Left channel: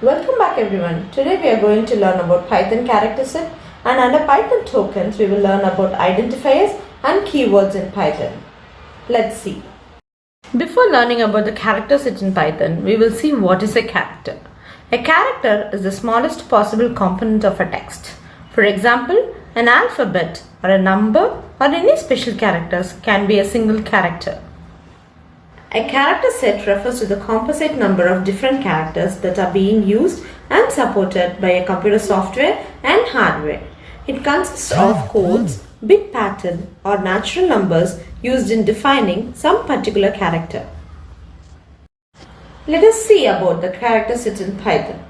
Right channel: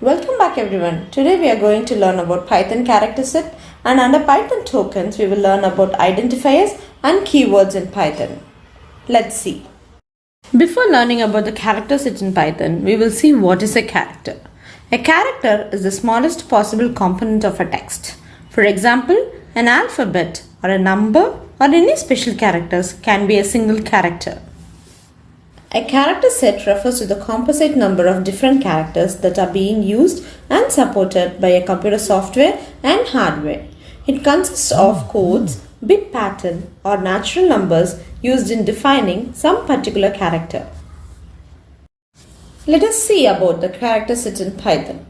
Welcome back everyone. Today we are going to learn about Python character set, and under Python tokens we will learn about identifiers and keywords in Python. Let's see. Before learning about the character set in Python, we will see what is a character. A character is the smallest possible component of a text. For example, an alphabet or a number or any special characters can be a single character. A character set refers to the composite number of different characters that are being used and supported by a computer software and hardware. It consists of codes, bit pattern, or natural numbers used in defining some particular character. Let us see about the character set in Python.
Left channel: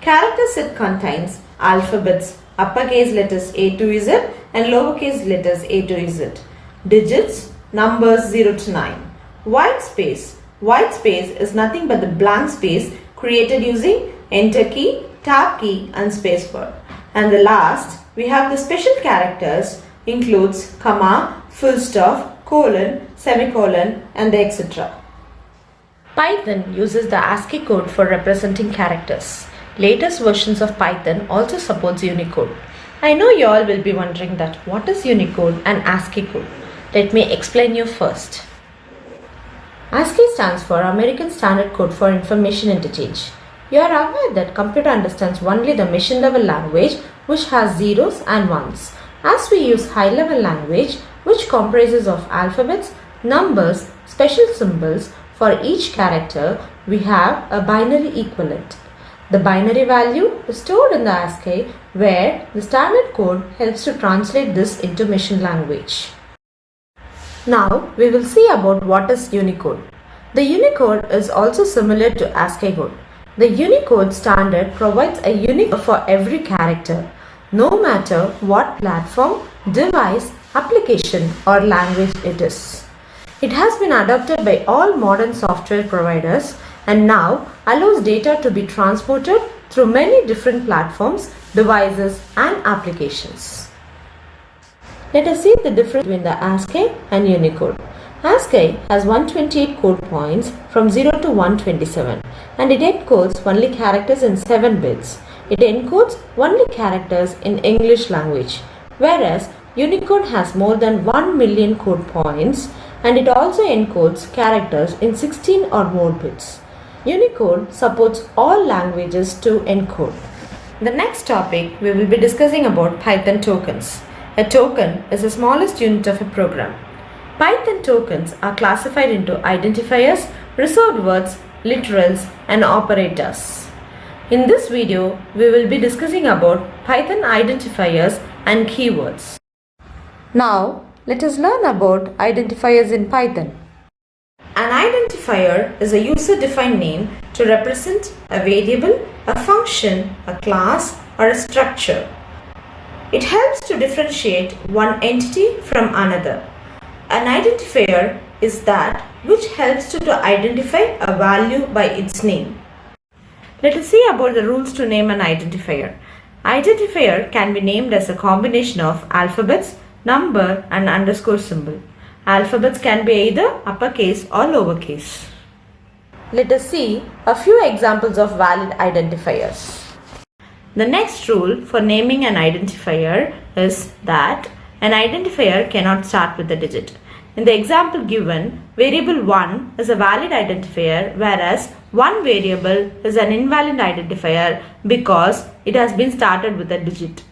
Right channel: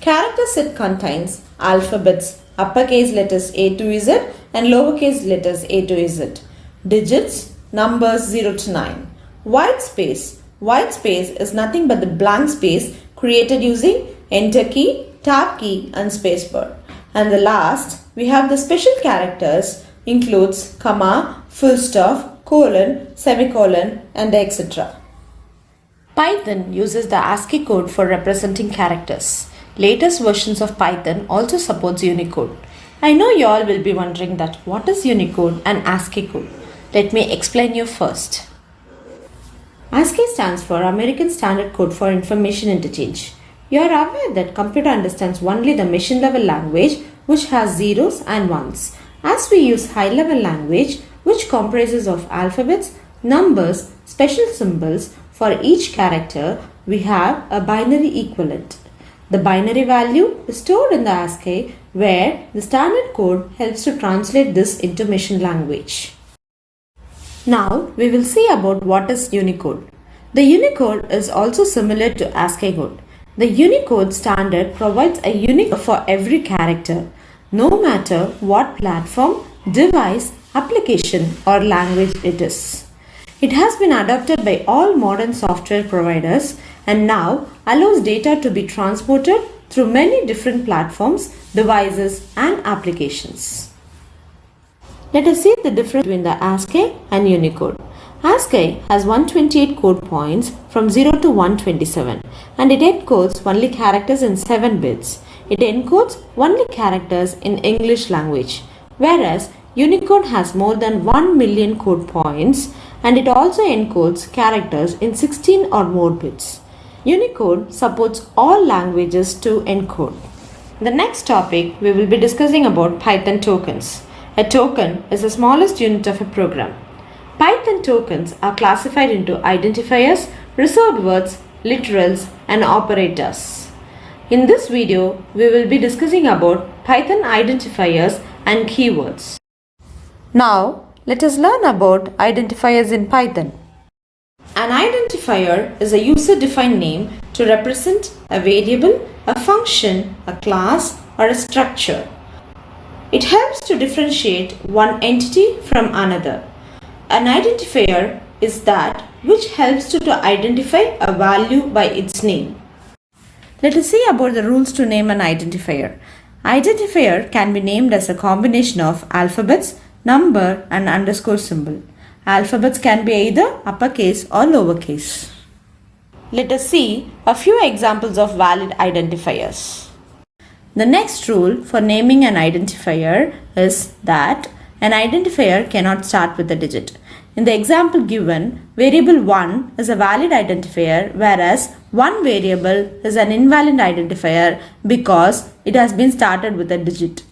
Character set contains alphabets, uppercase letters A to Z and lowercase letters A to Z, digits, numbers 0 to 9. White space. White space is nothing but the blank space created using enter key, tab key and spacebar. And the last, we have the special characters includes comma, full stop, colon, semicolon and etc. Python uses the ASCII code for representing characters. Latest versions of Python also supports Unicode. I know you all will be wondering that what is Unicode and ASCII code? Let me explain you first. ASCII stands for American Standard Code for Information Interchange. You are aware that computer understands only the machine level language which has zeros and ones. As we use high level language which comprises of alphabets, numbers, special symbols for each character, we have a binary equivalent. The binary value is stored in the ASCII where the standard code helps to translate this into machine language. Now we will see about what is Unicode. The Unicode is also similar to ASCII code. The Unicode standard provides a unique for every character, no matter what platform, device, application or language it is. It has been adopted by all modern software providers and now allows data to be transported through many different platforms, devices and applications. Let us see the difference between the ASCII and Unicode. ASCII has 128 code points from 0 to 127 and it encodes only characters in 7 bits. It encodes only characters in English language, whereas Unicode has more than 1 million code points and it also encodes characters in 16 or more bits. Unicode supports all languages to encode. The next topic we will be discussing about Python tokens. A token is the smallest unit of a program. Python tokens are classified into identifiers, reserved words, literals, and operators. In this video, we will be discussing about Python identifiers and keywords. Now, let us learn about identifiers in Python. An identifier is a user-defined name to represent a variable, a function, a class, or a structure. It helps to differentiate one entity from another. An identifier is that which helps to identify a value by its name. Let us see about the rules to name an identifier. Identifier can be named as a combination of alphabets, number and underscore symbol. Alphabets can be either uppercase or lowercase. Let us see a few examples of valid identifiers. The next rule for naming an identifier is that an identifier cannot start with a digit. In the example given, variable 1 is a valid identifier, whereas one variable is an invalid identifier because it has been started with a digit.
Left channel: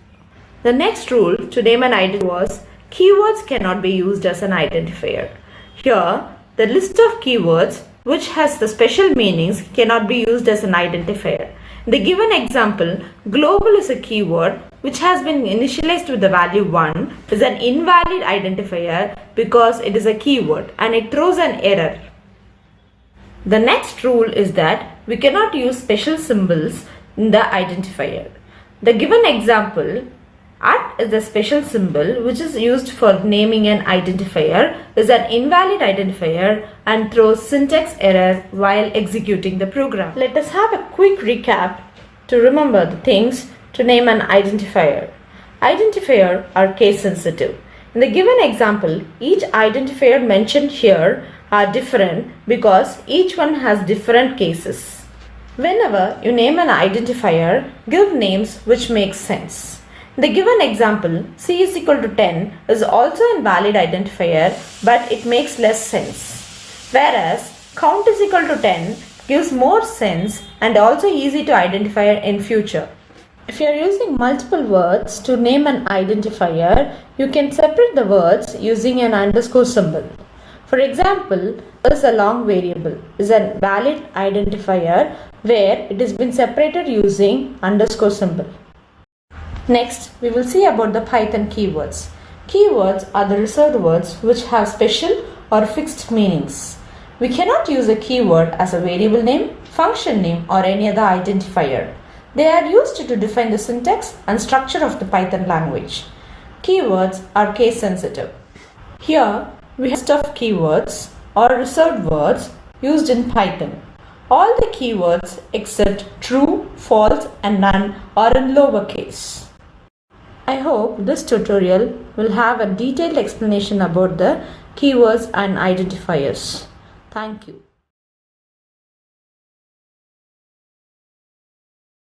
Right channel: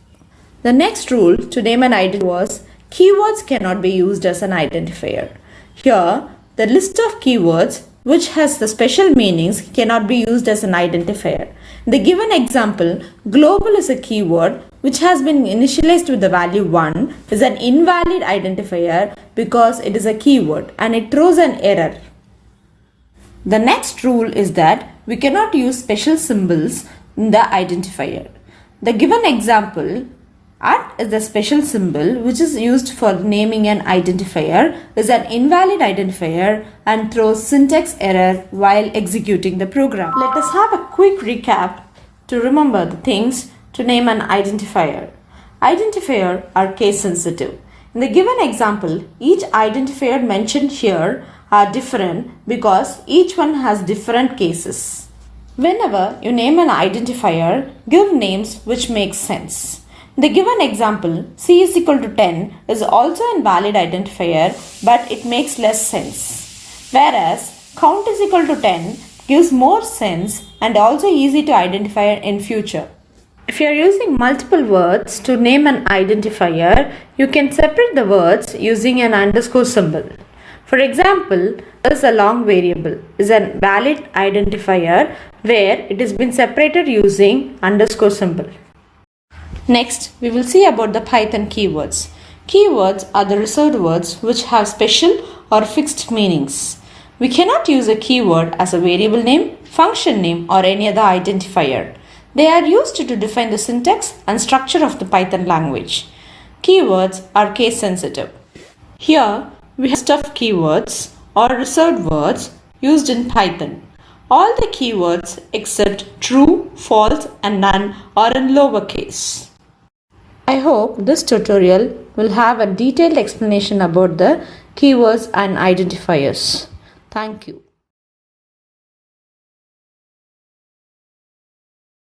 The next rule to name an identifier was keywords cannot be used as an identifier. Here, the list of keywords which has the special meanings cannot be used as an identifier. In the given example, global is a keyword which has been initialized with the value 1 is an invalid identifier because it is a keyword and it throws an error. The next rule is that we cannot use special symbols in the identifier. The given example, @ is the special symbol which is used for naming an identifier, is an invalid identifier and throws syntax error while executing the program. Let us have a quick recap to remember the things to name an identifier. Identifiers are case sensitive. In the given example, each identifier mentioned here are different because each one has different cases. Whenever you name an identifier, give names which make sense. The given example, c is equal to 10, is also a valid identifier, but it makes less sense. Whereas count is equal to 10 gives more sense and also easy to identify in future. If you are using multiple words to name an identifier, you can separate the words using an underscore symbol. For example, is a long variable is a valid identifier where it has been separated using underscore symbol. Next, we will see about the Python keywords. Keywords are the reserved words which have special or fixed meanings. We cannot use a keyword as a variable name, function name, or any other identifier. They are used to define the syntax and structure of the Python language. Keywords are case sensitive. Here, we have stuffed keywords or reserved words used in Python. All the keywords except true, false, and none are in lowercase. I hope this tutorial will have a detailed explanation about the keywords and identifiers. Thank you.